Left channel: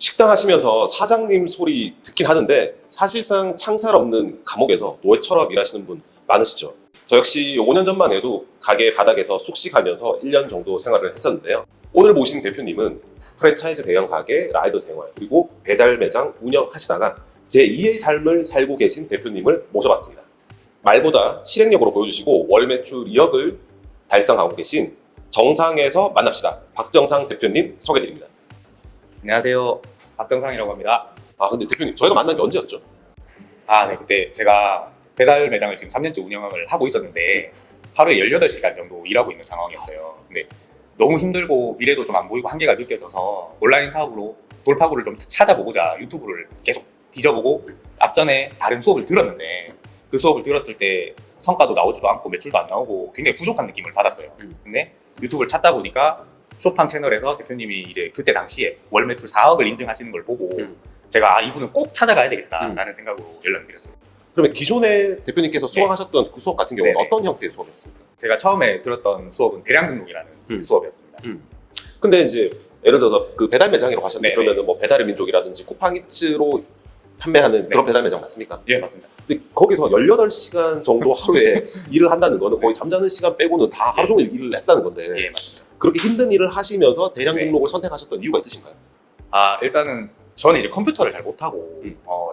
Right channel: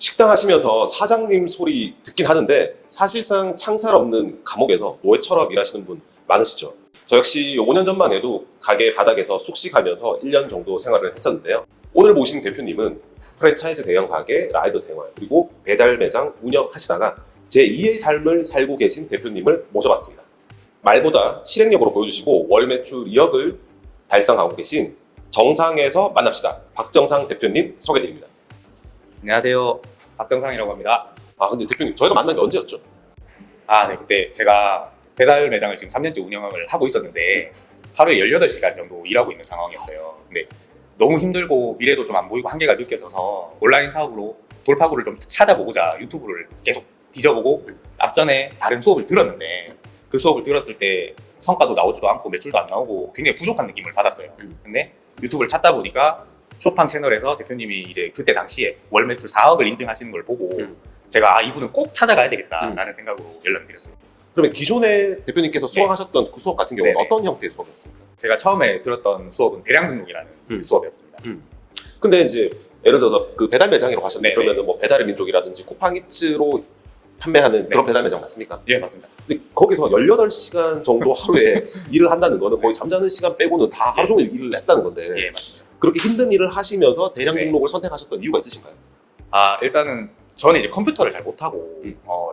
식당 하시면서 사장님 소리 듣긴 하는데 사실상 창살 없는 감옥에서 노예처럼 일하시는 분 많으시죠? 저 역시 5년 전만 해도 가게 바닥에서 숙식하면서 1년 정도 생활을 했었는데요. 오늘 모신 대표님은 프랜차이즈 대형 가게 라이더 생활 그리고 배달 매장 운영하시다가 제2의 삶을 살고 계신 대표님을 모셔봤습니다. 말보다 실행력으로 보여주시고 월 매출 2억을 달성하고 계신 정상에서 만납시다. 박정상 대표님 소개드립니다. 안녕하세요. 박정상이라고 합니다. 근데 대표님 저희가 만난 게 언제였죠? 네. 그때 제가 배달 매장을 지금 3년째 운영을 하고 있었는데 하루에 18시간 정도 일하고 있는 상황이었어요. 근데 너무 힘들고 미래도 좀 안 보이고 한계가 느껴져서 온라인 사업으로 돌파구를 좀 찾아보고자 유튜브를 계속 뒤져보고 앞전에 다른 수업을 들었는데 그 수업을 들었을 때 성과도 나오지도 않고 매출도 안 나오고 굉장히 부족한 느낌을 받았어요. 근데 유튜브를 찾다 보니까 쇼팡 채널에서 대표님이 이제 그때 당시에 월 매출 4억을 인증하시는 걸 보고 제가 이분을 꼭 찾아가야 되겠다라는 생각으로 연락드렸어요. 그러면 기존에 대표님께서 수강하셨던 그 수업 같은 경우는 네네. 어떤 형태의 수업이었습니까? 제가 처음에 들었던 수업은 대량 등록이라는 수업이었습니다. 근데 이제 예를 들어서 그 배달 매장이라고 하셨는데 네네. 그러면 뭐 배달의 민족이라든지 쿠팡이츠로 판매하는 그런 네. 배달 매장 맞습니까? 예, 맞습니다. 근데 거기서 18시간 정도 하루에 일을 한다는 거는 거의 잠자는 시간 빼고는 다 하루 종일 일을 했다는 건데 예, 맞습니다. 그렇게 힘든 일을 하시면서 대량 네. 등록을 선택하셨던 이유가 있으신가요? 일단은 저는 이제 컴퓨터를 잘 못하고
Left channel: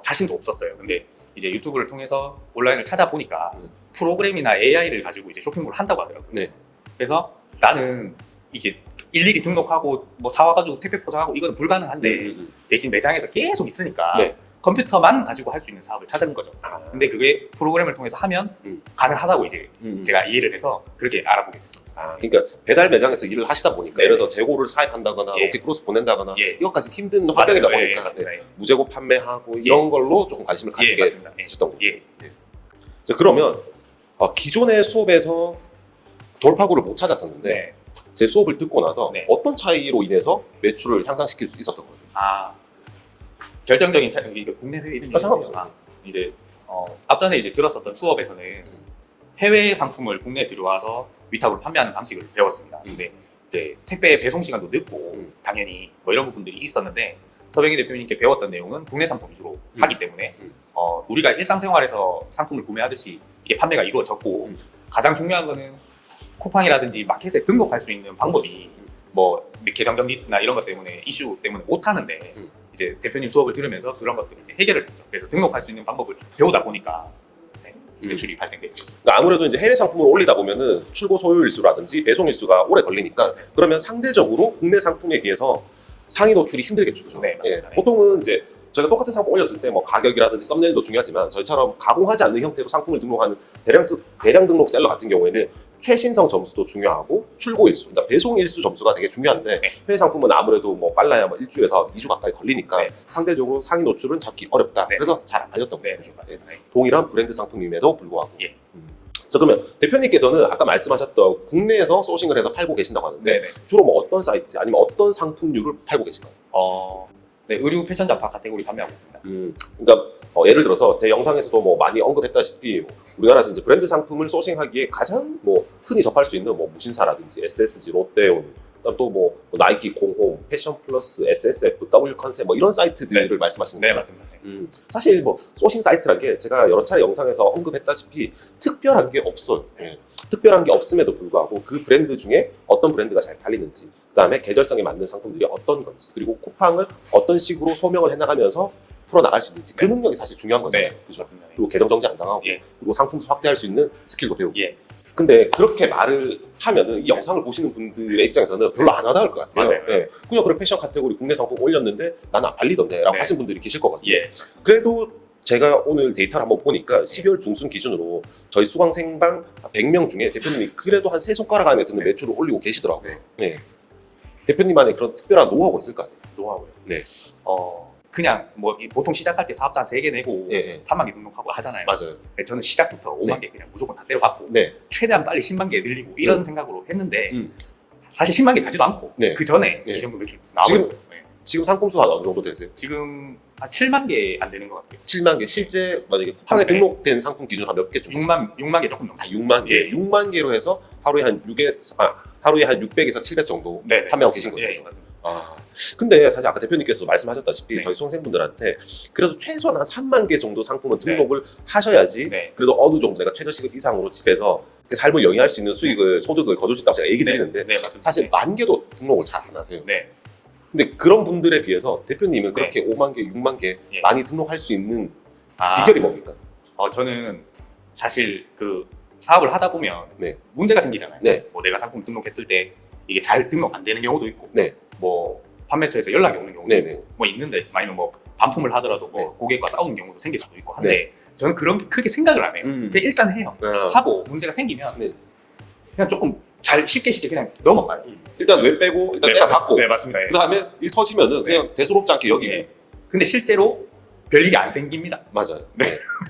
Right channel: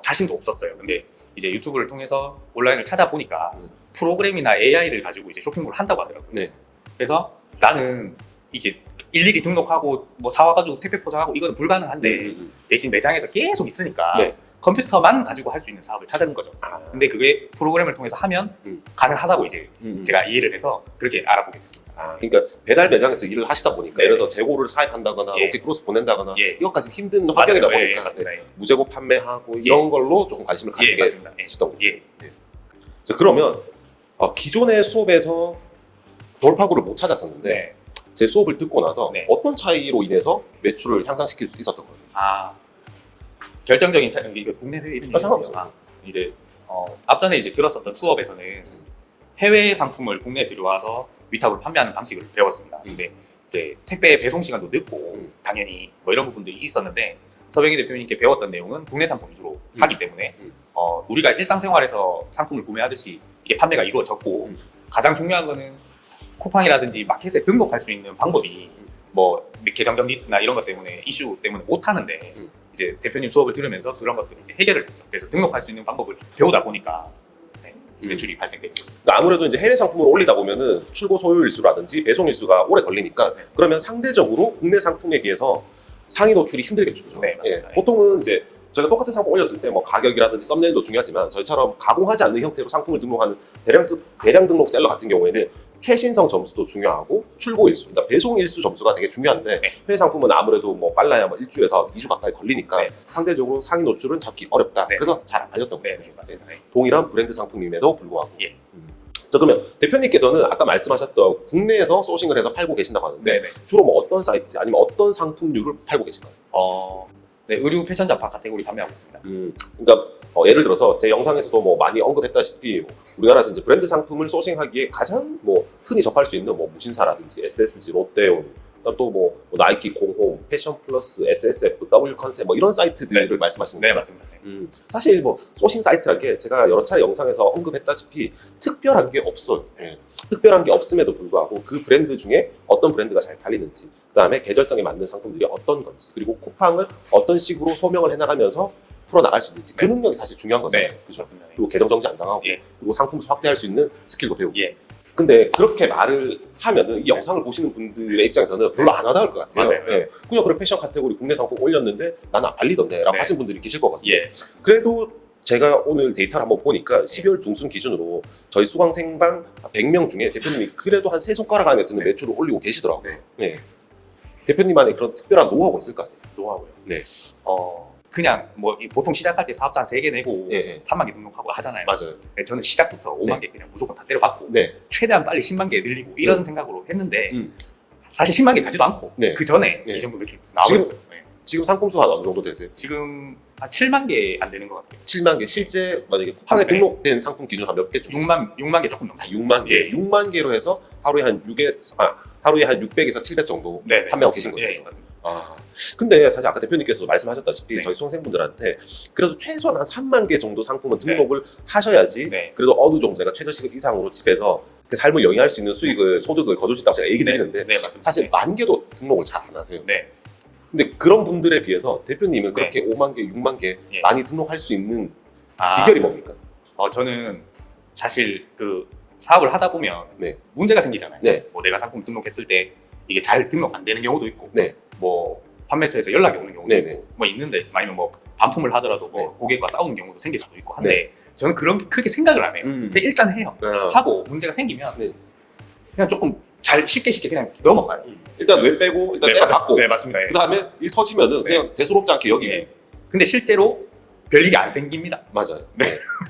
자신도 없었어요. 근데 이제 유튜브를 통해서 온라인을 찾아보니까 프로그램이나 AI를 가지고 이제 쇼핑몰을 한다고 하더라고요. 네. 그래서 나는 이게 일일이 등록하고 뭐 사와가지고 택배 포장하고 이건 불가능한데 대신 매장에서 계속 있으니까 네. 컴퓨터만 가지고 할 수 있는 사업을 찾은 거죠. 근데 그게 프로그램을 통해서 하면 가능하다고 이제 제가 이해를 해서 그렇게 알아보게 됐습니다. 그러니까 배달 매장에서 일을 하시다 보니까 예를 들어서 재고를 사입한다거나 예. 로켓크로스 보낸다거나 예. 이것까지 힘든 환경이다 맞아요. 보니까 맞습니다. 무재고 판매하고 이런 걸로 조금 관심을 가지게 맞습니다. 되셨던 거예요. 예. 자, 그러면 기존의 수업에서 돌파구를 못 찾았었는데 네. 제 수업을 듣고 나서 네. 어떤 차이로 인해서 매출을 향상시킬 수 있었던 거예요? 결정적인 차이는 이거 국내외 이런 상관없어요. 이제 앞전에 이제 들었었던 수업에서는 해외 상품을 국내에 들여와서 위탁으로 판매하는 방식을 배웠습니다. 근데 이제 택배 배송 시간도 늦고 당연히 뭐 이런 부분들이 있었는데 서병희 대표님께 배웠던 내용은 국내 상품 위주로 하기 때문에 우리가 일상생활에서 상품을 구매하듯이 이게 판매가 이루어졌고 가장 중요한 거는 쿠팡이라든지 마켓에 등록할 수 있는 방법이 뭐 계정 정지나 이런 것 때문에 이슈 때문에 못 하는데 이제 대표님 수업을 들으면서 그런 것들을 이제 해결을 했죠. 그래서 등록할 수 있는 방법을 배우다 보니까 매출이 발생되고 있습니다. 그러니까 아무래도 이제 해외 상품을 올리다 보면은 출고 소요 일수라든지 배송 일수가 오래 걸리니까 그러면 상대적으로 국내 상품에 비해서 상위 노출이 힘들겠죠. 네, 맞습니다. 보통은 이제 저희가 똑같은 상품 올렸을 때 뭐 가격이라든지 썸네일도 중요하지만 저희처럼 가공하지 않는 형태로 상품을 등록하는 대량 등록 셀러 같은 경우에는 최신성 점수도 중요하고 출고 일수, 그러니까 배송 일수 점수가 되게 중요한데 해외 상품은 아무래도 뭐 빨라야 뭐 일주일에서 2주 가까이 걸리니까 네. 상대적으로 상위 노출은 잡기 어렵다. 네. 그래서 잘 안 팔렸던 네, 거죠. 맞습니다. 네. 동일한 브랜드 상품임에도 불구하고. 예. 자, 그러면 대표님께서는 아까 말씀하셨던 국내에서 소싱을 해서 팔고 계신다고 하는데 네네. 주로 뭐 어떤 사이트 아니면 어떤 상품류를 팔고 계신가요? 네, 의류 패션 잡화 카테고리 판매하고 있습니다. 그러니까 예를 들어서 제 영상에서도 뭐 많이 언급했다시피 우리나라에서 이제 브랜드 상품을 소싱하기에 가장 뭐 흔히 접할 수 있는 뭐 무신사라든지 SSG, 롯데온, 또 뭐 나이키, 공홈, 패션 플러스, SSF, W 컨셉 뭐 이런 사이트들을 말씀하시는 네, 거죠? 맞습니다. 사실 뭐 소싱 사이트라는 게 제가 여러 차례 영상에서 언급했다시피 특별한 게 없어요. 특별한 게 없음에도 불구하고 그 브랜드 중에 어떤 브랜드가 잘 팔리는지, 그다음에 계절성에 맞는 상품들이 어떤 건지, 그리고 쿠팡을 어떤 식으로 소명을 해나가면서 풀어나갈 수 있는지 그 능력이 사실 중요한 거잖아요. 네, 그렇습니다. 그리고 계정 정지 안 당하고 예. 그리고 상품 수 확대할 수 있는 스킬도 배우고. 예. 근데 그렇게 말을 하면은 이 영상을 보시는 분들의 입장에서는 별로 안 와닿을 것 같아요. 맞아요. 예. 그냥 그런 패션 카테고리 국내 상품 올렸는데 나는 안 팔리던데 라고 네. 하신 분들이 계실 거거든요. 예. 그래도 제가 오늘 데이터를 한번 보니까 12월 중순 기준으로 저희 수강 생방 100명 중에 대표님이 그래도 한 3손가락 안에 드는 매출을 올리고 계시더라고요. 네. 대표님만의 그런 특별한 노하우가 있을까요? 노하우. 네. 그냥 뭐 보통 시작할 때 사업자 3개 내고 예. 3만 개 등록하고 하잖아요. 맞아요. 네, 저는 시작부터 5만 개 그냥 무조건 다 때려박고 네. 최대한 빨리 10만 개 늘리고 이런 생각으로 했는데 음. 사실 10만 개 되지도 않고 네. 그 전에 네. 이 정도 매출이 나왔어요. 네. 지금 상품 수가 어느 정도 되세요? 지금 한 7만 개 안 되는 것 같아요. 7만 개. 실제 만약에 쿠팡에 네. 등록된 상품 기준 한 몇 개 정도? 6만 개 조금 넘어요. 6만 개. 예. 6만 개로 해서 하루에 한 600에서 700 정도 네, 판매하고 계신 거죠. 예, 맞습니다. 근데 사실 아까 대표님께서 말씀하셨다시피 네. 저희 수험생분들한테 그래도 최소한 한 3만 개 정도 상품은 네. 등록을 하셔야지 네. 그래도 어느 정도 내가 최저시급 이상으로 집에서 그 삶을 영위할 수 있는 수익을 소득을 거둘 수 있다고 제가 얘기 드리는데 네, 맞습니다. 사실 만 개도 등록을 잘 안 하세요. 네. 근데 그런 분들에 비해서 대표님은 네. 그렇게 5만 개, 6만 개 예. 많이 등록할 수 있는 아, 비결이 뭡니까? 저는 사실 그 사업을 하다 보면 네. 문제가 생기잖아요. 네. 뭐 내가 상품 등록했을 때 이게 잘 등록 안 되는 경우도 있고, 네. 뭐 판매처에서 연락이 오는 경우도 네. 있고, 뭐 있는데 아니면 뭐 반품을 하더라도 뭐 네. 고객과 싸우는 경우도 생길 수도 있고 한데 저는 그런 게 크게 생각을 안 해요. 근데 일단 해요. 하고 문제가 생기면 네. 그냥 조금 잘 쉽게 그냥 넘어가요. 일단 왜 빼고 일단 네, 내려갖고 네, 맞습니다. 그 다음에 일 터지면은 그냥 대수롭지 않게 여기 예. 근데 실제로 별일이 안 생깁니다. 맞아요.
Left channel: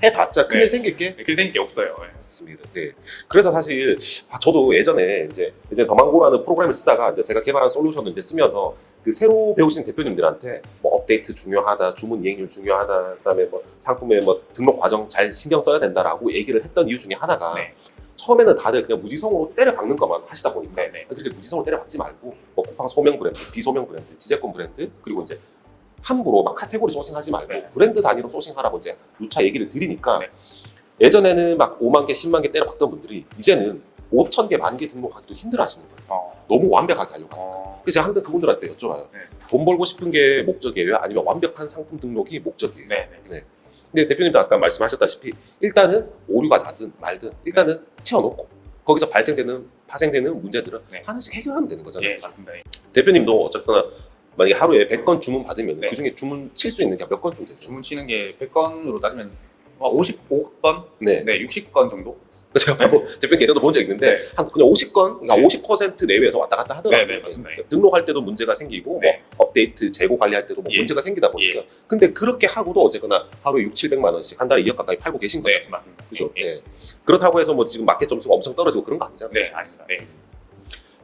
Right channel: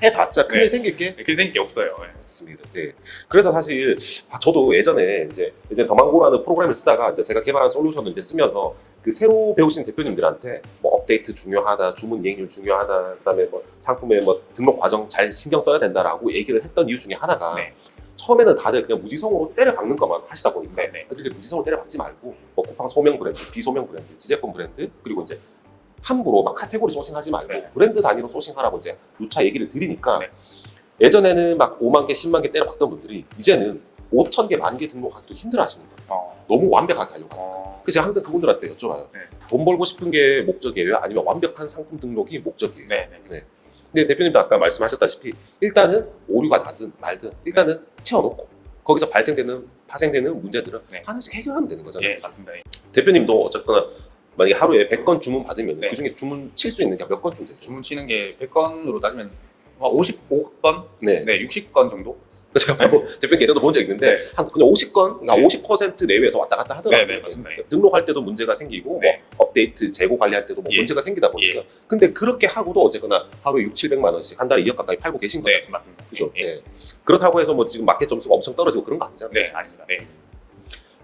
해봤자 큰일 네. 생길 게 그게 생길 게 없어요. 맞습니다. 네. 그래서 사실 저도 예전에 이제 더망고라는 프로그램을 쓰다가 이제 제가 개발한 솔루션을 이제 쓰면서 그 새로 배우신 대표님들한테 뭐 업데이트 중요하다, 주문 이행률 중요하다, 그다음에 뭐 상품의 뭐 등록 과정 잘 신경 써야 된다라고 얘기를 했던 이유 중에 하나가 네. 처음에는 다들 그냥 무지성으로 때려박는 것만 하시다 보니까 네, 네. 그렇게 무지성으로 때려박지 말고 뭐 쿠팡 소명 브랜드, 비소명 브랜드, 지제품 브랜드 그리고 이제 함부로 막 카테고리 소싱하지 말고 네. 브랜드 단위로 소싱하라고 이제 누차 얘기를 드리니까 네. 예전에는 막 5만 개, 10만 개 때려박던 분들이 이제는 5천 개, 1만 개 등록하기도 힘들어하시는 거예요. 너무 완벽하게 하려고 하니까. 그래서 제가 항상 그분들한테 여쭤봐요. 돈 벌고 싶은 게 목적이에요? 아니면 완벽한 상품 등록이 목적이에요? 네, 네. 근데 대표님도 아까 말씀하셨다시피 일단은 오류가 나든 말든 일단은 태워놓고 거기서 파생되는 문제들은 네. 하나씩 해결하면 되는 거잖아요. 예, 맞습니다. 대표님도 어쨌거나 만약에 하루에 100건 주문 받으면 네. 그중에 주문 칠 수 있는 게 몇 건쯤 되죠? 주문 치는 게 100건으로 따지면 55건? 네. 네, 60건 정도? 제가 뭐 대표님 예전에 본 적 있는데 네. 한 그냥 50건, 그러니까 네. 50% 내외에서 왔다 갔다 하더라고요. 네, 네, 맞습니다. 등록할 때도 문제가 생기고 네. 뭐 업데이트, 재고 관리할 때도 뭐 예. 문제가 생기다 보니까 근데 그렇게 하고도 어쨌거나 하루에 6, 700만 원씩 한 달에 2억 가까이 팔고 계신 거예요. 네, 맞습니다. 그렇죠? 예. 네. 그렇다고 해서 뭐 지금 마켓 점수가 엄청 떨어지고 그런 거 아니잖아요. 네, 아닙니다. 네.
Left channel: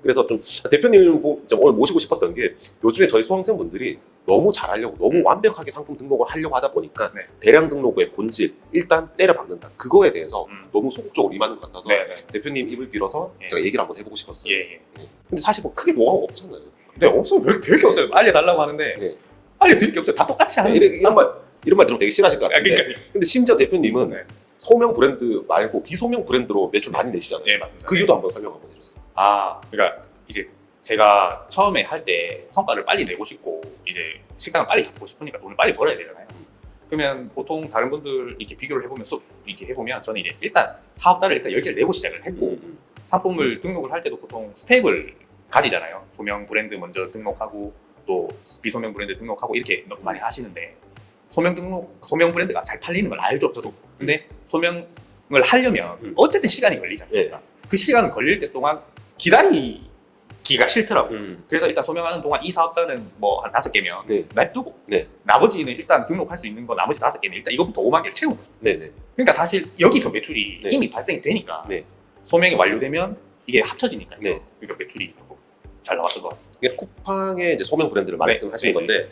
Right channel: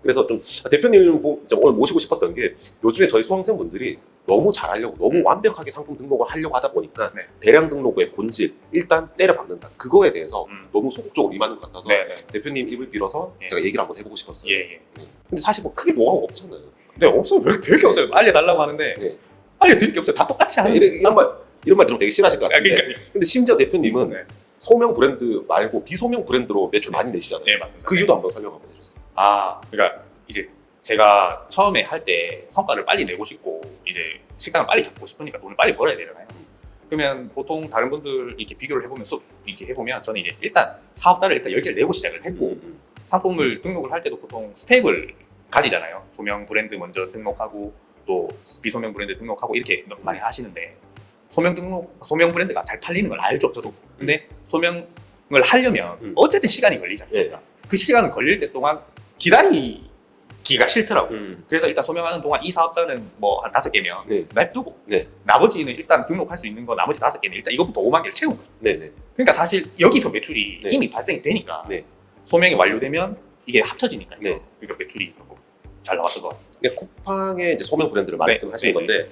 그래서 좀 대표님 오늘 모시고 싶었던 게 요즘에 저희 수험생분들이 너무 잘하려고 너무 완벽하게 상품 등록을 하려고 하다 보니까 네. 대량 등록의 본질 일단 때려박는다. 그거에 대해서 너무 소극적으로 임하는 것 같아서 네, 네. 대표님 입을 빌어서 예. 제가 얘기를 한번 해보고 싶었어요. 예, 예. 근데 사실 뭐 크게 노하우 없잖아요. 네, 없어요. 별게 없어요. 알려달라고 하는데 네. 알려드릴 게 없어요. 다 똑같이 하는데. 이런 말 들으면 되게 싫어하실 것 같아요. 그러니까. 근데 심지어 대표님은 네. 소명 브랜드 말고 비소명 브랜드로 매출 많이 내시잖아요. 네, 맞습니다. 그 이유도 한번 설명 한번 해주세요. 그러니까 이제 제가 처음에 할 때 성과를 빨리 내고 싶고 이제 식당을 빨리 잡고 싶으니까 돈을 빨리 벌어야 되잖아요. 그러면 보통 다른 분들 이렇게 비교를 해보면서 이렇게 해보면 저는 이제 일단 사업자를 일단 10개를 내고 시작을 했고 상품을 등록을 할 때도 보통 스텝을 가지잖아요. 소명 브랜드 먼저 등록하고 또 비소명 브랜드 등록하고 이렇게 너무 많이 하시는데 소명 브랜드가 잘 팔리는 걸 알죠, 저도. 근데 소명을 하려면 어쨌든 시간이 걸리지 않습니까? 그 시간 걸릴 때 동안 기다리기가 싫더라고요. 그래서 일단 소명하는 동안 이 사업자는 뭐 한 5개면 네. 놔두고 네. 나머지는 일단 등록할 수 있는 거 나머지 5개는 일단 이것부터 5만 개를 채우고 네네. 그러니까 사실 여기서 매출이 네. 이미 발생이 되니까 네. 소명이 완료되면 이게 합쳐지니까요. 네. 그러니까 매출이 조금 잘 나왔을 것 같습니다. 이게 쿠팡의 이제 소명 브랜드를 말씀하신 네. 건데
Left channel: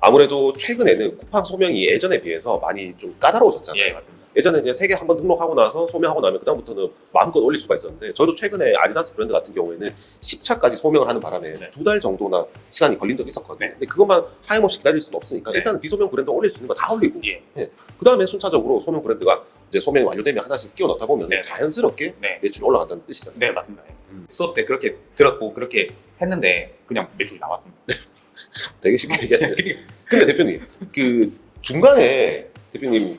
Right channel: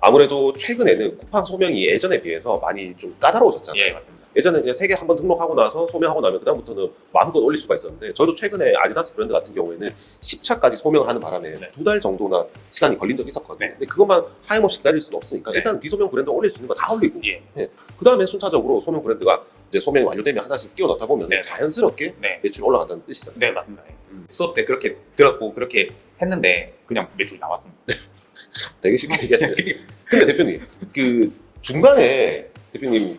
아무래도 최근에는 쿠팡 소명이 예전에 비해서 많이 좀 까다로워졌잖아요. 예, 맞습니다. 예전에 그냥 3개 한번 등록하고 나서 소명하고 나면 그다음부터는 마음껏 올릴 수가 있었는데 저도 최근에 아디다스 브랜드 같은 경우에는 10차까지 소명을 하는 바람에 네. 2달 정도나 시간이 걸린 적이 있었거든요. 네. 근데 그것만 하염없이 기다릴 수는 없으니까 네. 일단 비소명 브랜드 올릴 수 있는 거 다 올리고 예. 그다음에 순차적으로 소명 브랜드가 이제 소명이 완료되면 하나씩 끼워 넣다 보면 네. 자연스럽게 네. 매출이 올라간다는 뜻이잖아요. 네, 맞습니다. 수업 때 그렇게 들었고 그렇게 했는데 그냥 매출이 나왔습니다. 되게 쉽게 얘기했어요. 근데 대표님, 그 중간에 대표님이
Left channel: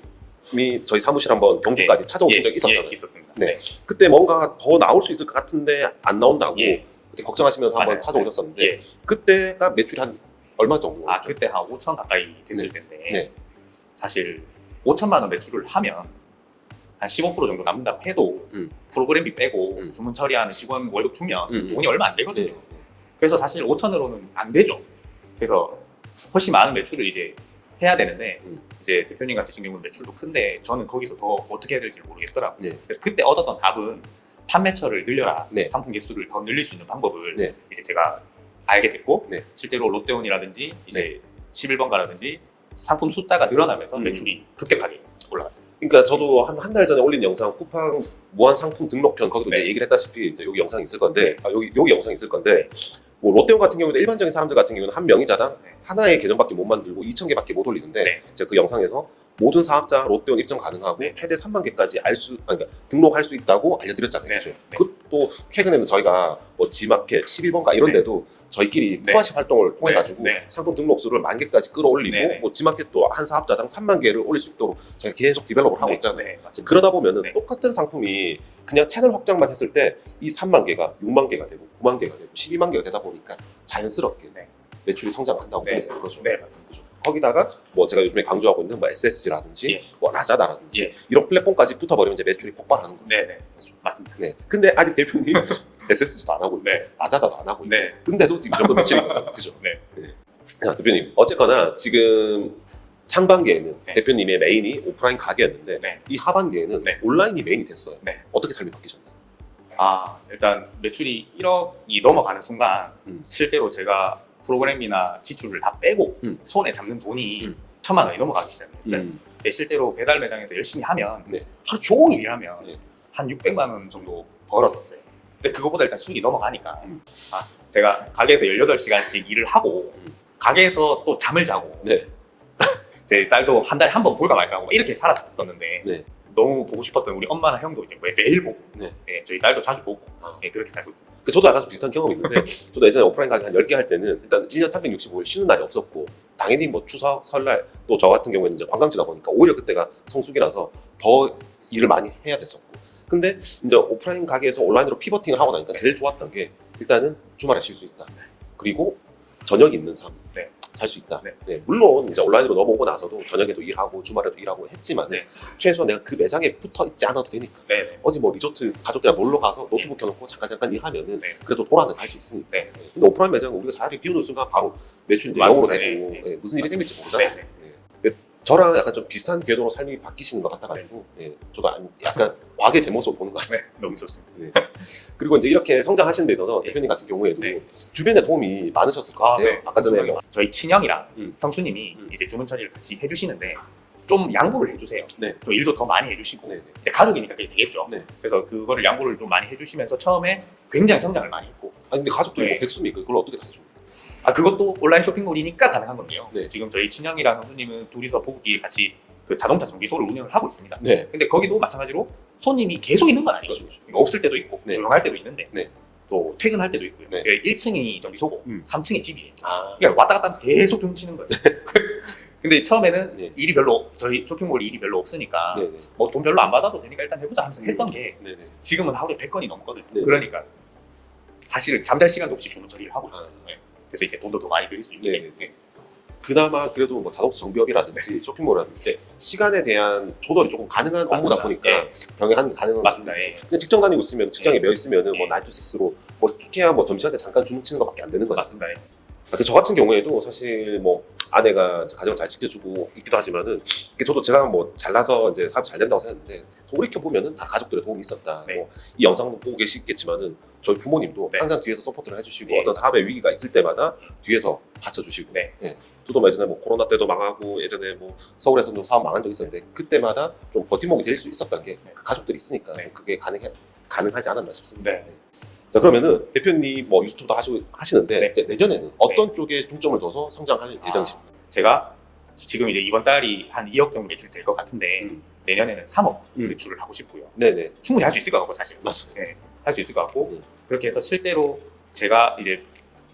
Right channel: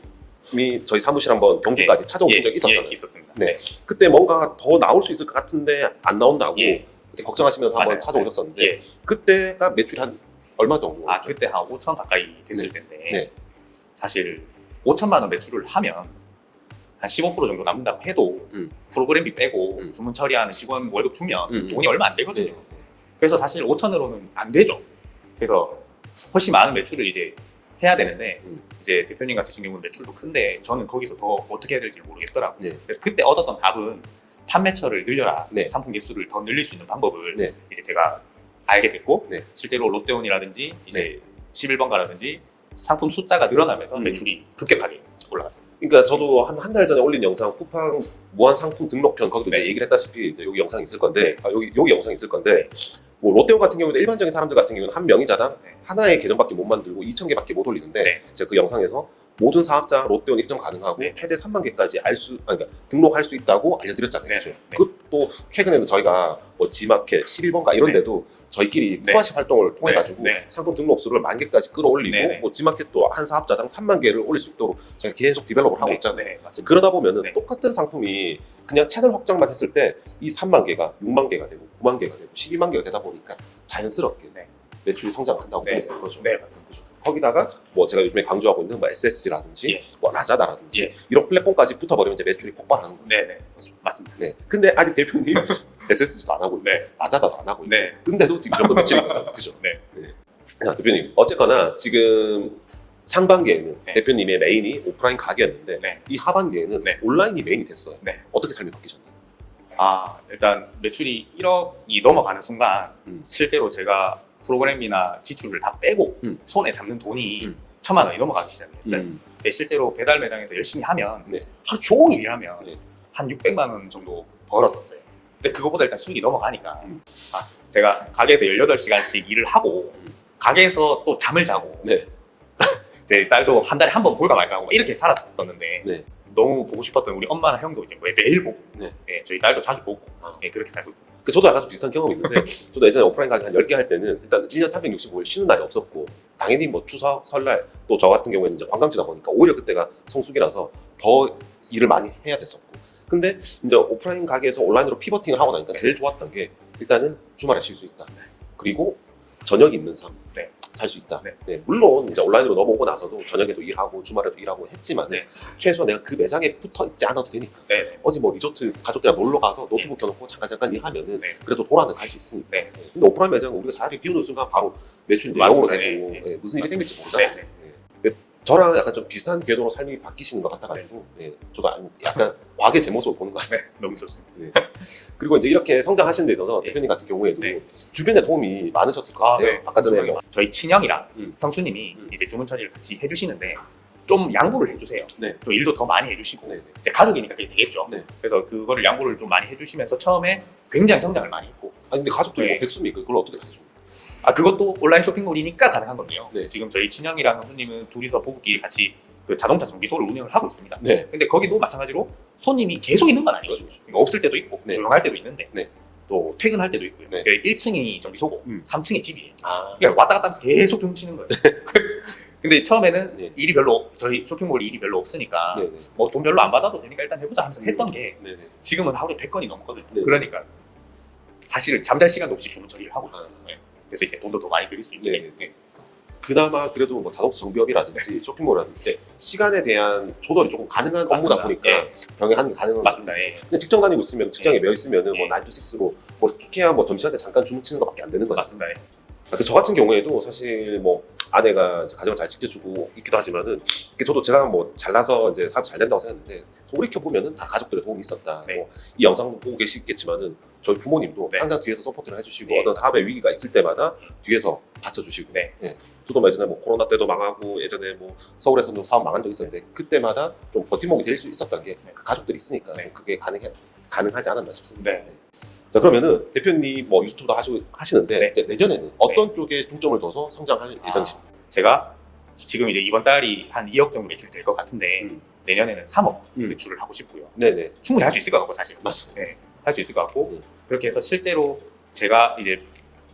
저희 사무실 한번 경주까지 찾아오신 적이 있었잖아요. 예, 있었습니다. 네. 그때 뭔가 더 나올 수 있을 것 같은데 안 나온다고 예. 그때 걱정하시면서 한번 맞아요. 찾아오셨었는데 예. 그때가 매출이 한 얼마 정도? 그때 한 5천 가까이 됐을 네. 텐데 네. 사실 5천만 원 매출을 하면 한 15% 정도 남는다고 해도 프로그램비 빼고 주문 처리하는 직원 월급 주면 돈이 얼마 안 되거든요. 네. 그래서 사실 5천으로는 안 되죠. 그래서 훨씬 많은 매출을 이제 해야 되는데 이제 대표님 같은 경우는 매출도 큰데 저는 거기서 더 어떻게 해야 될지 모르겠더라고요. 네. 그래서 그때 얻었던 답은 판매처를 늘려라. 네. 상품 개수를 더 늘릴 수 있는 방법을 네. 이제 제가 알게 됐고 네. 실제로 롯데온이라든지 이제 11번가라든지 상품 숫자가 늘어나면서 매출이 급격하게 올라갔어요. 그러니까 저도 한 달 전에 올린 영상 쿠팡 무한 상품 등록편 거기도 네. 이제 얘기를 했다시피 이제 여기 영상이 있을 건데 네. 여기 영상이 있을 건데 뭐 롯데온 같은 경우도 일반적인 사람들 같은 경우는 한 명의자당 네. 하나의 계정밖에 못 만들고 2,000개밖에 못 올리는데 네. 제가 그 영상에서 모든 사업자 롯데온 입점 가능하고 네. 최대 3만 개까지 그러니까 등록할 수 있다고 알려드렸잖아요. 네. 그죠? 네. 그것도 최근에는 저희가 뭐 지마켓, 11번가 이런 네. 데도 저희끼리 네. 코아시 활동을 통해 가지고 네. 상품 등록 수를 10,000개까지 끌어올리고 네. 뭐 지마켓도 한 사업자당 3만 개를 올릴 수 있도록 저희가 계속 디벨롭을 하고 네. 있잖아요. 네. 맞습니다. 그러다 보면은 네. 똑같은 상품이 그냥 채널 확장만 했을 때 이 3만 개가 6만 개가 되고 9만 개가 되고 12만 개가 되다 보니까 자연스럽게 네. 매출이 성장을 한다고 네. 보면 되는 거죠. 네, 맞습니다. 거기다가 뭐 제가 요즘에 강조하고 있는 뭐 SSG라든지 예. 뭐 라자다라든지 예. 이런 플랫폼까지 붙어버리면 이제 매출이 폭발하는 거예요. 네, 네. 맞습니다. 네. 근데 아직 대표님 SSG도 안 하고 있고 네. 라자다도 안 하고 있고 네. 근데도 지금 정도 매출인 거죠. 그죠? 네. 자, 대표님 어쨌거나 지금 상반기에는 네. 대표님의 메인이 오프라인 가게였는데 네. 이 하반기에는 네. 온라인이 메인이 됐어요. 네. 어떻게 삶이 바뀌셨나요? 일단 매출이 1억이 넘어가는 순간 음. 실제로 제가 프로그램이나 지출을 다 빼고 손에 잡는 돈이 1,000만 원이 넘어가기 시작했어요. 근데 실제로 배달 매장에서 열심히 하면 네. 하루 종일 일하면 네. 한 600만 원 정도 벌었었어요. 근데 그거보다 일단 수익이 넘어가니까 제가 가게에서 18시간씩 일을 하고 가게에서 또 잠을 자고 네. 제 딸도 한 달에 한 번 볼까 말까 하고 이렇게 살았었는데 네. 너무 보고 싶었던 우리 엄마나 형도 이제 매일 보고 네. 네, 저희 딸도 자주 보고 아. 네, 그렇게 살고 있습니다. 저도 약간 좀 비슷한 경험이 있는데 저도 예전에 오프라인 한 10개 할 때는 일단 1년 365일 쉬는 날이 없었고 당연히 뭐 추석, 설날 또 저 같은 경우에는 이제 관광지다 보니까 오히려 그때가 성수기라서 더 일을 많이 해야 됐었고 근데 이제 오프라인 가게에서 온라인으로 피버팅을 하고 나니까 제일 좋았던 게 일단은 주말에 쉴 수 있다. 그리고 저녁 있는 삶. 네. 살 수 있다. 네. 네, 물론 이제 온라인으로 넘어오고 나서도 저녁에도 일하고 주말에도 일하고 했지만 네. 최소한 내가 그 매장에 붙어 있지 않아도 되니까 네. 어제 뭐 리조트 가족들이랑 놀러 가서 노트북 켜놓고 잠깐 일하면은 네. 그래도 돌아는 갈 수 있으니까. 네. 근데 오프라인 매장 우리가 자리를 비우는 순간 바로 매출 맞습니다. 영으로 되고 네. 네, 무슨 일이 생길지 모르잖아요. 네. 네. 저랑 약간 좀 비슷한 궤도로 삶이 바뀌시는 것 같아가지고 네, 저도 약간 광의 제 모습을 보는 것 같습니다. 네, 너무 좋습니다. 네. 그리고 이제 이렇게 성장하시는 데 있어서 대표님 같은 경우에도 네. 주변에 도움이 많으셨을 것 같아요. 아까 전에 저희 친형이랑 음. 형수님이 이제 주문 처리를 같이 해주시는데 좀 양보를 해주세요. 네. 좀 일도 더 많이 해주시고 네. 이제 가족이니까 그게 되겠죠. 네. 그래서 그거를 양보를 좀 많이 해주시면서 처음에 굉장히 성장을 많이 했고 아니 근데 가족들이 네. 뭐 백수미 그걸 어떻게 다 해줘? 그것도 온라인 쇼핑몰이니까 가능한 건데요. 네. 지금 저희 친형이랑 형수님은 둘이서 부부끼리 같이 그 자동차 정비소를 운영을 하고 있습니다. 네. 근데 거기도 마찬가지로 손님이 계속 있는 건 아니거든요. 없을 때도 있고 네. 조용할 때도 있는데 네. 또 퇴근할 때도 있고요. 네. 그 1층이 정비소고 3층이 집이에요. 아, 그냥 왔다 갔다 하면서 계속 tum치는 거예요. 근데 처음에는 네. 일이 별로 저희 쇼핑몰이 일이 별로 없으니까 네. 뭐 돈 별로 안 받아도 되니까 일단 해보자 하면서 했던 게 네. 네. 지금은 하루에 100건이 넘거든요. 네. 그러니까 사실 잠잘 시간도 없이 주문 처리를 하고 있어요. 네. 그래서 이렇게 돈도 더 많이 들일 수 있는 네. 네. 그나마 그래도 뭐 자동차 정비업이라든지 쇼핑몰이라든지 시간에 대한 조절이 조금 가능한 업무다 맞습니다. 보니까 병행하는 게 가능한 맞습니다. 예. 그냥 직장 다니고 있으면 직장에 매여 있으면은 뭐 네. 9to6로 뭐 피케야 뭐 점심시간에 잠깐 주문 치는 것밖에 안 되는 거죠. 맞습니다. 예. 저 같은 경우에도 사실 뭐 아내가 가정을 잘 지켜주고 있기도 하지만은 저도 제가 뭐 잘나서 이제 사업 잘 된다고 생각했는데 돌이켜 보면은 다 가족들의 도움이 있었다. 네. 뭐 이 영상 보고 계시겠지만은 저희 부모님도 네. 항상 뒤에서 서포트를 해주시고 네, 어떤 사업의 위기가 있을 때마다 뒤에서 받쳐주시고. 네. 저도 예전에 뭐 코로나 때도 망하고 예전에 뭐 서울에서도 사업 망한 적 있었는데 그때마다 좀 버팀목이 될 수 있었던 게 네. 가족들이 있으니까 네. 그게 가능하지 않았나 싶습니다. 네. 자 그러면은 대표님 뭐 유튜브도 하시는데 네. 이제 내년에는 어떤 쪽에 중점을 둬서 성장할 예정이십니까? 제가 지금 이제 이번 달이 한 2억 정도 매출 될 것 같은데 내년에는 3억 음. 매출을 하고 싶고요. 네네 충분히 할 수 있을 것 같고 사실. 맞습니다. 네, 할 수 있을 것 같고 네. 그렇게 해서 실제로 제가 이제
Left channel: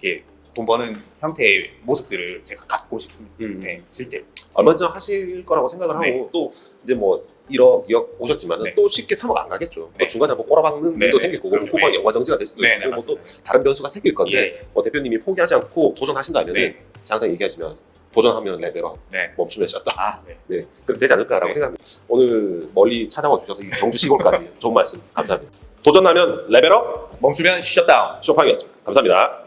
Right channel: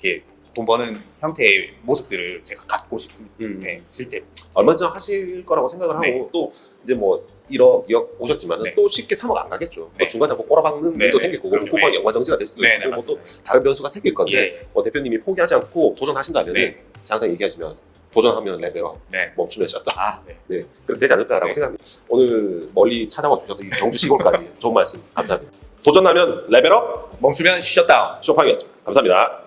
이렇게 돈 버는 형태의 모습들을 제가 갖고 싶습니다. 네, 실제로. 얼마나 하실 거라고 생각을 하고 네. 또 이제 뭐 1억, 2억 오셨지만 네. 또 쉽게 3억 안 가겠죠. 또 네. 중간에 뭐 꼬라박는 네, 또 네. 생길 거고 네. 코방 연관 정지가 될 수도 네, 있고 뭐 또 맞습니다. 다른 변수가 생길 건데 예. 뭐 대표님이 포기하지 않고 도전하신다면 네. 항상 얘기하시면 도전하면 레벨업 네. 멈추면 셨다. 네. 네, 그럼 되지 않을까라고 네. 생각합니다. 오늘 멀리 찾아와 주셔서 이 경주 시골까지 좋은 말씀 감사합니다. 도전하면 레벨업 멈추면 셧다운. 쇼팡이었습니다. 감사합니다.